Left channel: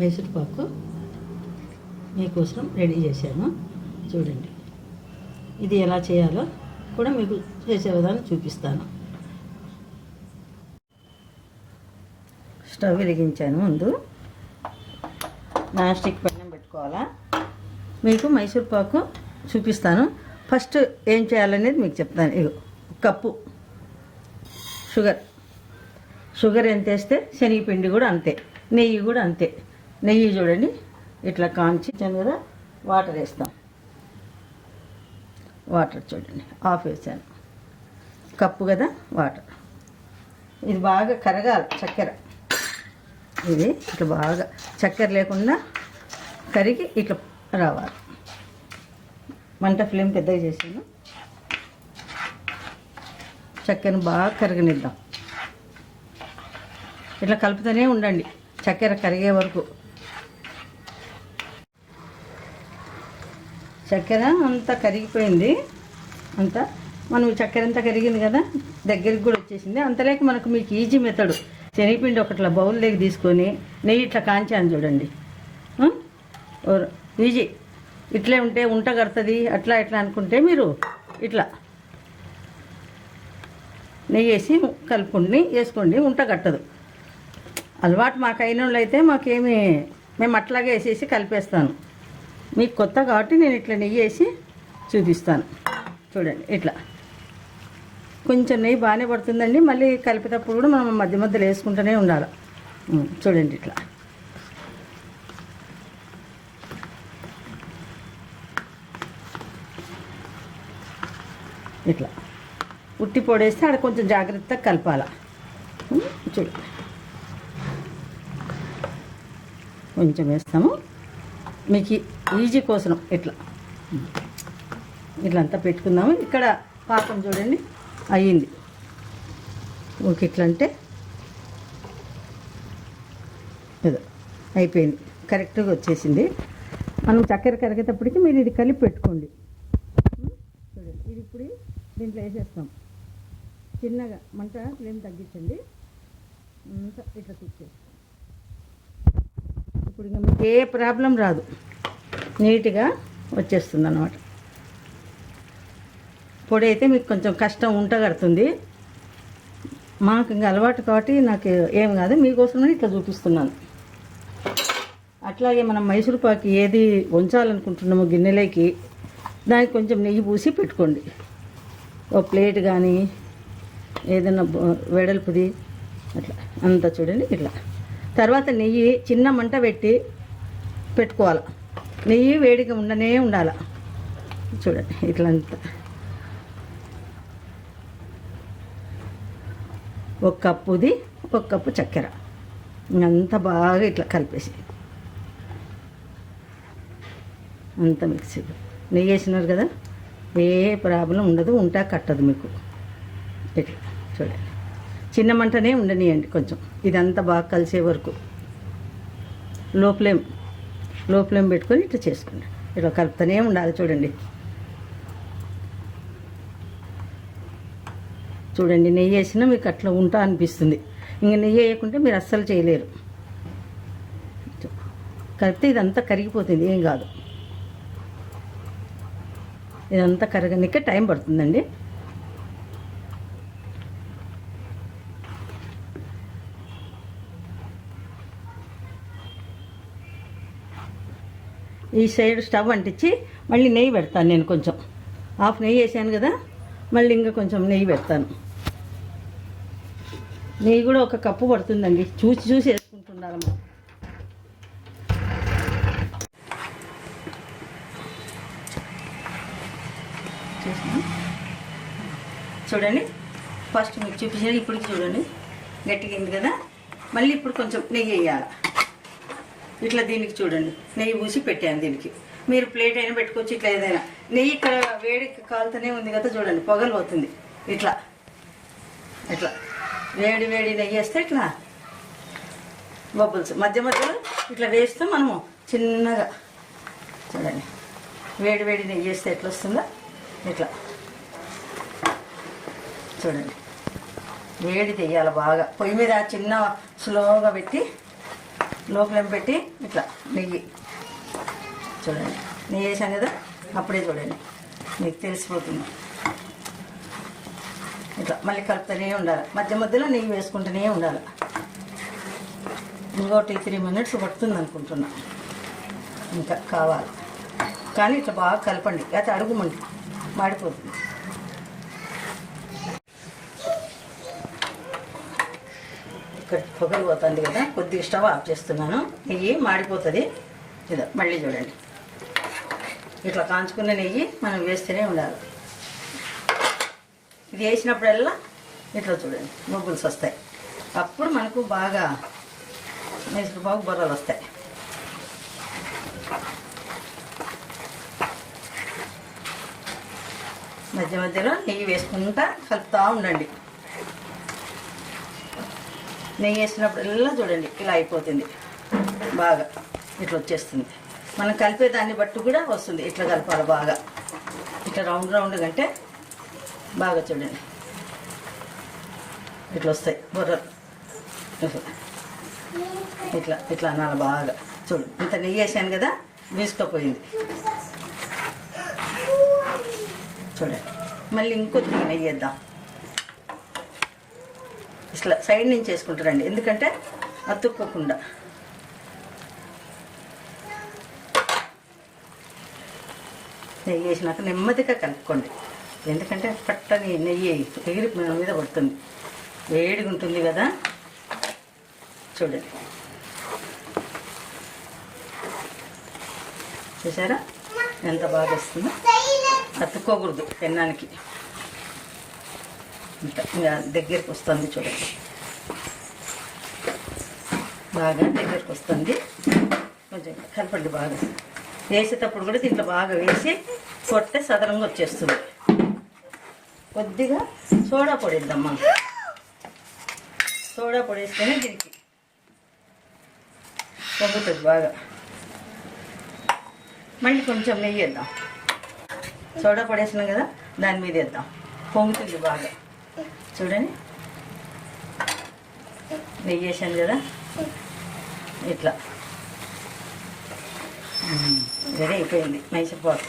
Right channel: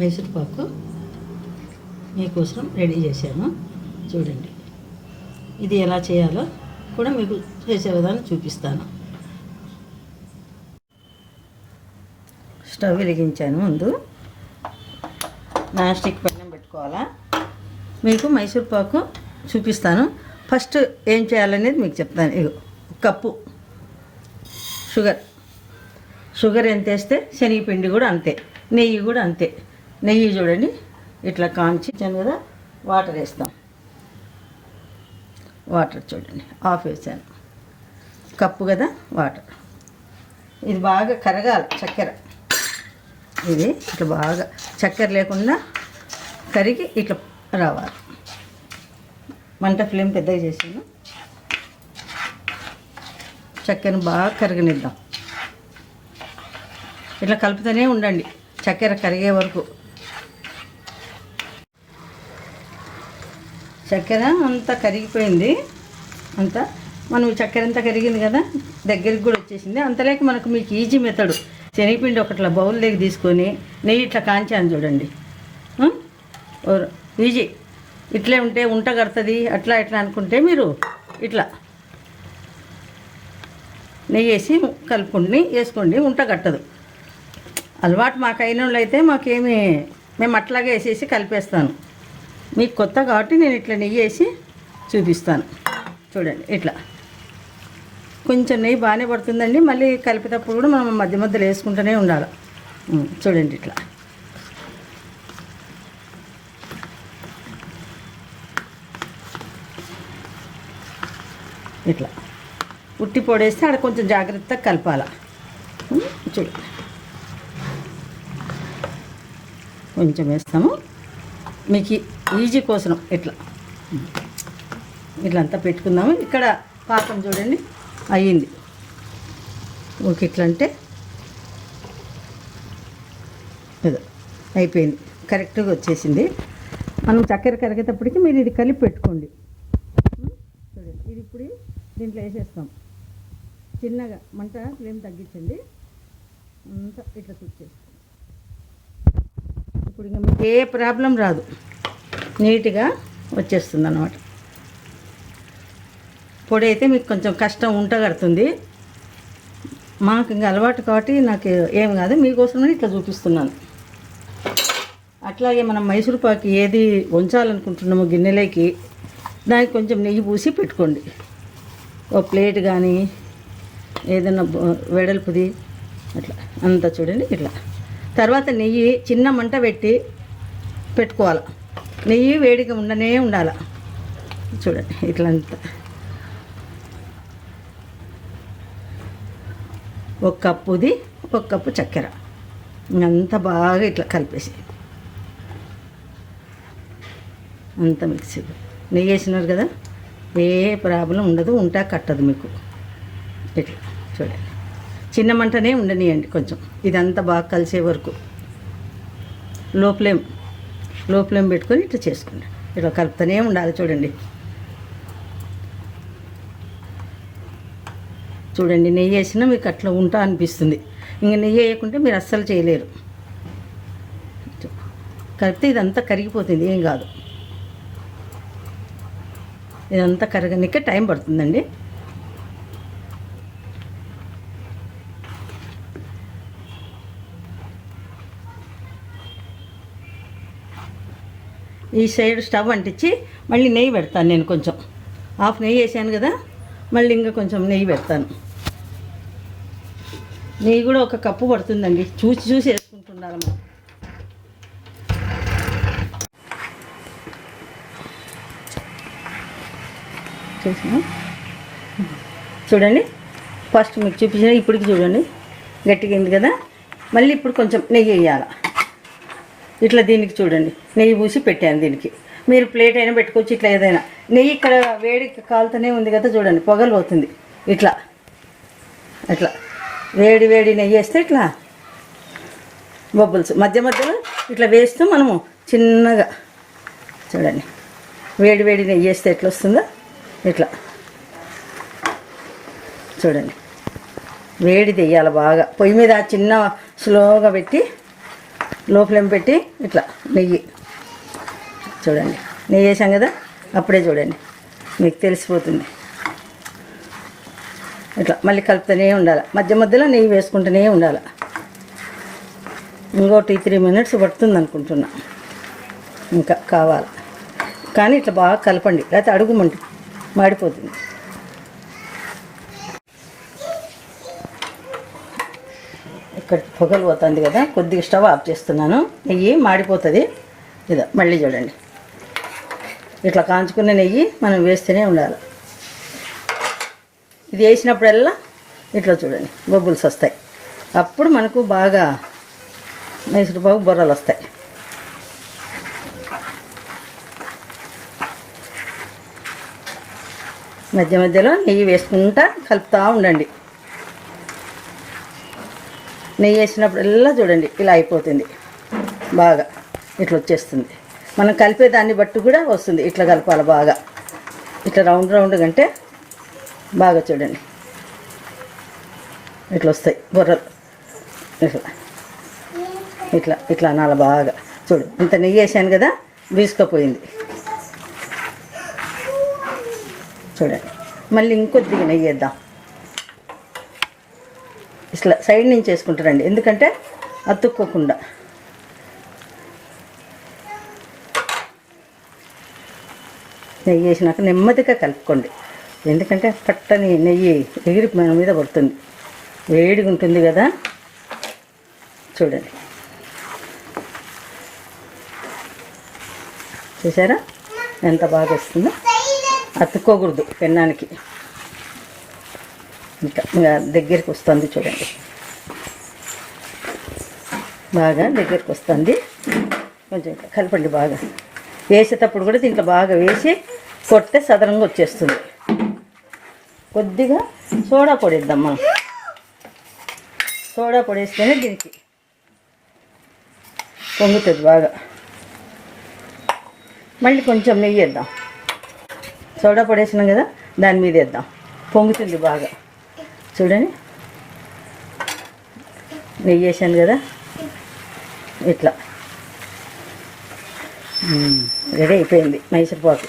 మైసూర్ పాకు మీకోసం రెడీ చేశాను. చూడండి, ఇది ఎలా చేయాలో కూడా మీకు చేసే విధానం చూపిస్తాను. స్టవ్ వెలిగించాను. ముందు నాన్ స్టిక్ పెనం పెట్టుకోవాలా. మీకు మైసూర్ పాకు చూపిస్తాను. ఫస్ట్ ఏం చేయాలనేది మీకు చెప్తాను. ఇగో కప్పు షుగర్ ఎంత వేస్తే శనగపిండి కూడా అంతే, నెయ్యి కూడా అంతే. నెయ్యి చూడండి ఇట్లా కాంచి కదా, వాటర్ వేస్తాం. వాటర్ చూడండి ఆఫ్ వేసాను. కప్పు కదా వాటర్. ఇది బాగా కరగాలి చక్కెర. ఇది ఇట్లా బాగా చక్కెర లేకుండా కరిగి ఇట్లా రావాలి. మంట ఫ్లేమ్ పెద్దగా చేసాను. చక్కెరను బాగా కరగనిద్దాం. ఇట్లా కలుపుతూనే ఉండండి చక్కెర కరిగే వరకు. చక్కెర అంతా కరిగిపోయింది. అంతా మనం చక్కెర అంతా కరిగింది కదా, దగ్గరికి కూడా వచ్చేసింది. అంతలేక మనకు మీకు ఈజీ మెథడు, శనగపిండి ఒకట్లా బౌల్లోకి తీసుకొని నెయ్యి ఇట్లా కాంచాను చూడండి. ఈజీ. ఇట్లే ఉంటే ఉంట కడుతుంది. అట్లా ఇట్లా అనుకుంటే మీరు ఇట్లా నెయ్యి వేసి కలుపుకొని వేసుకోండి, ఉంట కట్టదు. అలవాటు మాకు అయిన వాళ్ళు అయితే మేము అట్లాగే వేసేసి కలిపేస్తాను. మీకు కొత్త కాబట్టి నేను ఇట్లా నెయ్యి వేసి చూపిస్తాను. చూడండి ఇట్లా కొంచెం నెయ్యి బాగానే పడుతుందండి. మళ్ళీ కలిపేటప్పుడు కూడా మనం మధ్య మధ్యలో వేసుకుంటూనే ఉండాలి. చూడండి ఇట్లా ఇట్లా ఉట్టి పొడేస్తే ఆడ కొంచెం జాగ్రత్తగా కలపాల. చూడండి కొంచెం వేస్తాము మీకు ఈజీ కోసం. ఇట్లా ఇట్లా అంతా పెట్టుకుందాము. ఇక్కడ పాకం చూడండి అయ్యింది. ఓకే, ఇట్లా అంటే ఏదో అయిపోయింది, కరెక్ట్గా వచ్చేసింది. మనం చక్కెర కరిగేటప్పటికి మీరు ఇది కలిపి పెట్టుకోండి. చూడండి, ఇది ఇప్పుడు దీంట్లో వేసేస్తాం. చిన్నగా మంట ఫ్లేమ్ తగ్గించండి. అంతా ఇట్లా కుక్. ఇప్పుడు ఇక మీకు ఏ ప్రాబ్లం రాదు, నీట్గా వచ్చేస్తుంది అన్నమాట. పొడి అయితే మీకు కొంచెం కష్టం ఉంట కడుతుంది. మాకు ఇంకా అలవాటు కాబట్టి నాకు ఏం కాదు, మీకోసమే ఇట్లా చూపిస్తున్నాను. అట్లాగే మనం మైసూర్ పాకు ఏది ఉంచాలనుకుంటున్నామో గిన్నెలోకి దానికి కొంచెం నెయ్యి పూసి పెట్టుకోండి. ఓ ప్లేట్ కానీ ఏదైనా వెడల్పుది అట్లా అంతా చూడండి ఇట్లా. తర్వాత నెయ్యి చిన్న మంట పెట్టి పెట్టుకోవాలి. నెయ్యి వేడిగా ఉండనే ఉండాలి. చూడండి ఇట్లా అంతా. ఒక కప్పుది ఒక కప్పు చక్కెర అంతా బాగా ఇట్లా కలిపేసి అంతా మిక్సీ. నెయ్యి వేసినారు కదా, ఏ ప్రాబ్లం ఉండదు, ఉంటా కట్టదు మీకు. ఇట్లా చూడండి చిన్న మంటనే ఉండనియండి కొంచెం. ఇదంతా బాగా కలిసే వరకు లో ఫ్లేమ్ పెట్టుకొని ఇట్లా చేసుకోండి. ఇట్లా కలుపుతూనే ఉండాలి. చూడండి చూడండి నెయ్యి వేసినా మీకు అట్లా ఉంటా అనిపిస్తుంది. ఇంకా నెయ్యి వేయకుంటే మీరు అస్సలు చేయలేరు. కలిపితే ఇదంతా కరిగిపోతుంది, ఏం కాదు. ఇదంతా కరగనికే టైం పడుతుందండి. ఈ సైడ్ స్టవ్ అంటించి మళ్ళీ నెయ్యి పెడతాను. నేను కొంచెం హాఫ్ నెయ్యి వేసాను కదా, మళ్ళీ ఇంకా కొంచెం నెయ్యి పెడతాను. నెయ్యి కూడా ఒక కప్పు పడుతుందండి, చూసి వేసుకుంటున్నారమ్మా. చూడండి ఫస్ట్ మీకు చూపించిన ఇప్పటికి చూడండి గట్టిగా కదా. మళ్ళీ ఇప్పుడు కొంచెం నెయ్యి వేయాలి. ఇట్లా దీనికి చూడండి నెయ్యి పూసి పెట్టాను. దీనికి మీరు ప్లేట్ అయినా పెట్టుకోవచ్చు, ఇట్లా ఏదైనా. నెయ్యి ఇక్కడ వేడి కాలుతూనే ఉంది కదా, చూడండి పొగలు పోతుంది. ఇట్లా ఇట్లా వేడి నెయ్యి వేస్తే ఇట్లా బబుల్స్ మధ్య మధ్యలో ఇట్లా వేస్తూ మనము చిన్నగా చూడండి వేడి నెయ్యి వేస్తే ఎట్లా వస్తుందో ఇట్లా చూడండి. వేడి తెయ్యాలి బాగా. పొయ్యి మీద చిన్న స్లోగా పెట్టి లో ఫ్లేమ్ పెట్టి ఇట్లా నెయ్యి చూడండి, నెయ్యి వేసాం కదా, అప్పుడే చూడండి మీకు తెలిసిపోతుంది. ఇట్లా మళ్ళీ కలుపుతూనే ఉండాలి, మధ్య మధ్యలో నెయ్యి వేసుకుంటూనే ఉండాలి. ఇంకో 3 మినిట్స్ పడుతుంది అనుకుంటున్నా, ఇంకా కావాలి. కానీ ఇట్లా బాగా కలపండి, లేకపోతే అడుగుమండి మాడిపోతుంది. ఇక్కడ పొగలు పోతుంది కదా, కొద్దిగా స్టవ్ ఆఫ్ చేస్తున్నాను. నెయ్యి మాడిపోతుంది. ఇదా మళ్ళీ చూడండి, ఇట్లా కాంచుకున్న నెయ్యి మనం వేస్తూనే ఉండాలి. ఇది వేసినప్పుడల్లా ఇట్లా చూడండి బొబ్బుల్స్ వస్తాయి. అప్పుడు మనకు బాగా మైసూర్ పాకు బొర్రలు వస్తాయి. మధ్య మధ్యలో నెయ్యి వేసుకుంటా కలుపుతూ ఉండండి. నెయ్యి వేసినప్పుడల్లా చూడండి ఇలా అయిపోతుంది, బాగా ఇట్లా వచ్చేస్తుంది. మనం కలిపే దాన్ని బట్టి కూడా వస్తుంది. ఇట్లా కలపాలి బాగా, ఇట్లా రౌండ్ రౌండ్గా అంటే బాగా చూడండి ఇట్లా వస్తాయి బొర్రలు. ఇట్లా ఇట్లా ఇట్లా అనాలి బాగా. చూడు ఇంత నెయ్యి వేసాను కదా, వీసుకపోయింది చూడండి. మళ్ళీ ఇంకొద్దిగా నెయ్యి వేద్దాం. ఇట్లా సైడ్ నుంచి వేసుకుంటారండి, ఎందుకంటే అతుక్కోకుండా. నెయ్యి వేసినాక నెమ్మదిగా కలుపుకోండి, ఎందుకంటే పట్టని నెయ్యి ఎగిరి మన మీద పడుతుంది, వేడిగా ఉంటుంది కదా. చూడండి చూసారా ఎంత బాగా వస్తుందో. అతుక్కోకూడదు పెన్నానికి. ఇంకా దగ్గరికి వస్తుంది చూడండి, బాగా దగ్గరికి వస్తుంది. కొంచెం కలపండి బాగా. వేసేటప్పుడు కూడా దీంట్లో బాగా వేసి కొడితే సదరంగా వచ్చేస్తుంది. కొద్దిగా సోడా పొడి వేద్దాం మనం. సోడా పొడి వేస్తేనే దీనికి పొంగుతుంది బాగా. మళ్ళీ కొంచెం నెయ్యి వేద్దాం. సోడా పొడి వేసినాం కదా, దాని మీద వేద్దాం, పొంగుతుంది బాగా. చూడండి నెయ్యి వేసాను కదా, ఇట్లా రెడీ అయిపోయింది మైసూర్ పాకు.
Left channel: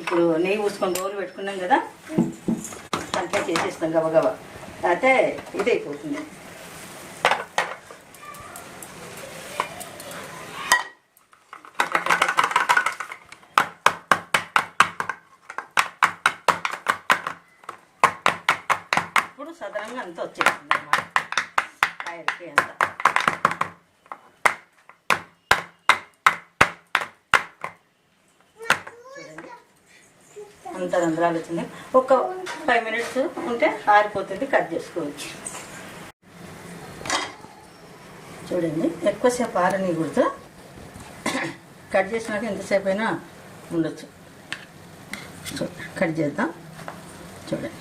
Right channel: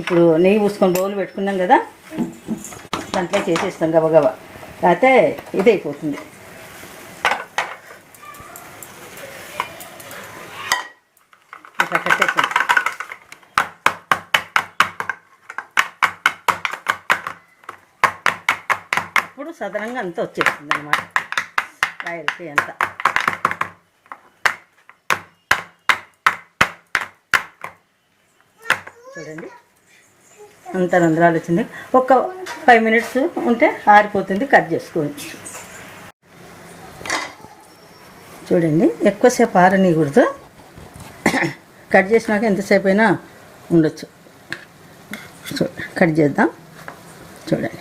ఇప్పుడు నెయ్యి పూసుకొని బౌల్ పెట్టుకున్నాం కదా, దాంట్లో చేసేస్తాం గబగబా, అయితే ఇది అయిపోతుంది. ఇప్పుడు సదరంగా అంతా వచ్చేస్తుంది అన్నమాట కాయలకి అంతా. చూడండి అంత రంధ్రాలు వచ్చింది. ఒక 5 మినిట్స్ ఉంటే ఆరిపోతుంది, కట్ చేసుకోవచ్చు. చూడండి ఎక్కువసేపు ఆరనీయకూడదు, కట్ చేసినాక ఎంతసేపు అయినా ఉండొచ్చు. కట్ చేద్దాం. చూడండి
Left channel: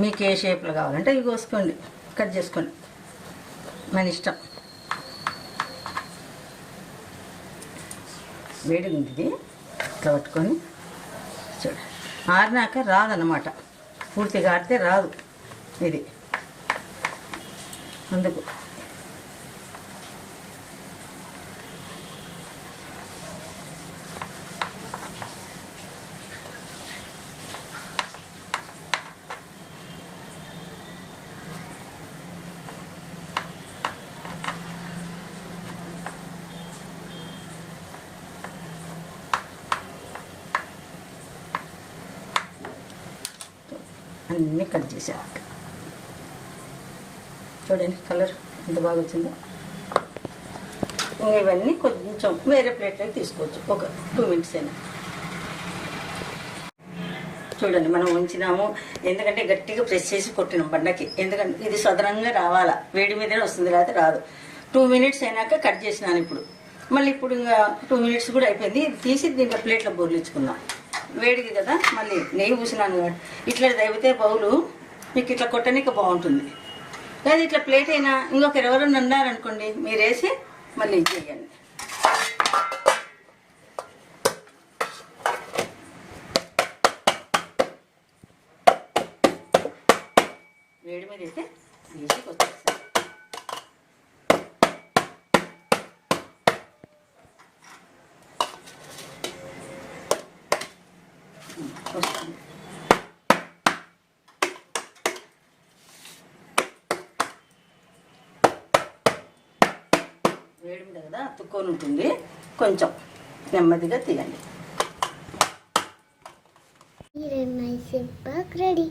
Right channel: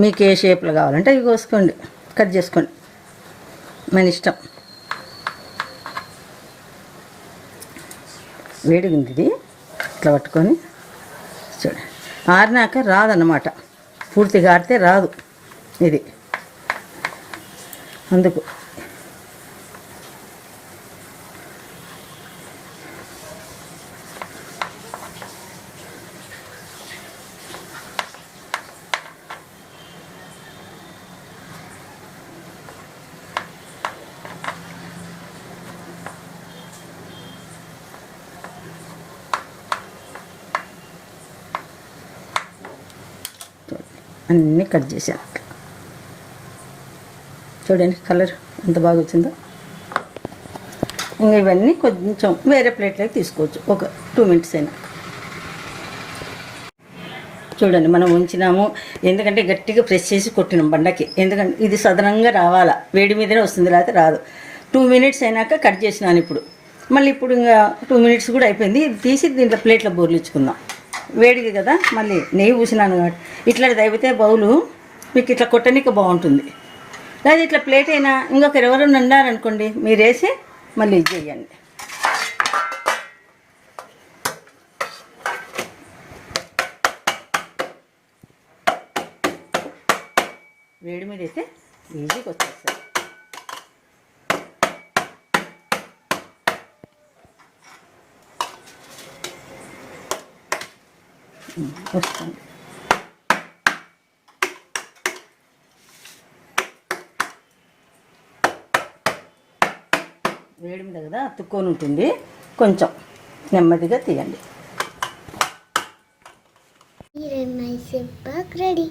మీకు ఏ షేప్లో కావాలంటే ఇవి కోసుకోండి, కట్ చేసుకోండి, మన ఇష్టం. వేడిగింది ఇది, ఇట్లా పట్టుకొని చూడండి. ఆరినాక రాదన్నమాట, పూర్తిగా ఆరితే రాదు ఇది, అందుకు. అన్నీ కట్ చేశాను. చూడండి కలర్ ఎంత బాగా వచ్చిందో. ఇంకా ఇవన్నీ కొంచెం వేరే ప్లేట్లోకి తీసుకోవచ్చు, ఒక 2 మినిట్స్ అయినా. చూడండి మనం ఉంచినాము, ఎందుకంటే గట్టిగా ప్రెస్ చేసి కొట్టినాం బండకి, ఎందుకంటే ఇది సదనంగా రావాలా, వేడి మీదనే వస్తుంది, లేకపోతే రాదు. 2 మినిట్స్ అయినాక కట్ చేసినాను ఇప్పుడు. మళ్ళీ ఇప్పుడు ఇంకా 2 మినిట్స్ కూడా అయిపోయింది. ఇది తీసి దీంట్లో ప్లేట్లో బోర్లించుకుందాం. వేడిగా కదా, మళ్ళీ నెయ్యి పూసినాను కాబట్టి ఇట్లా దైవితే బౌలు మీకు ఇట్లా కొట్టడానికి బాగుంటుంది. లేదా ఇట్లా ప్లేట్ అయినా ఇంకొకరు ఎవరైనా ఉన్నారనుకోండి, మీరు వేసి మళ్ళీ ఇది చేయండి. అయితే ఈజీగా వచ్చేస్తాయి. వస్తుంది. వేడి ఉంది కదా, అతుక్కొని ఉంటుంది. కొంచెం నెమ్మదిగా తీయండి. Mysure Pak ready.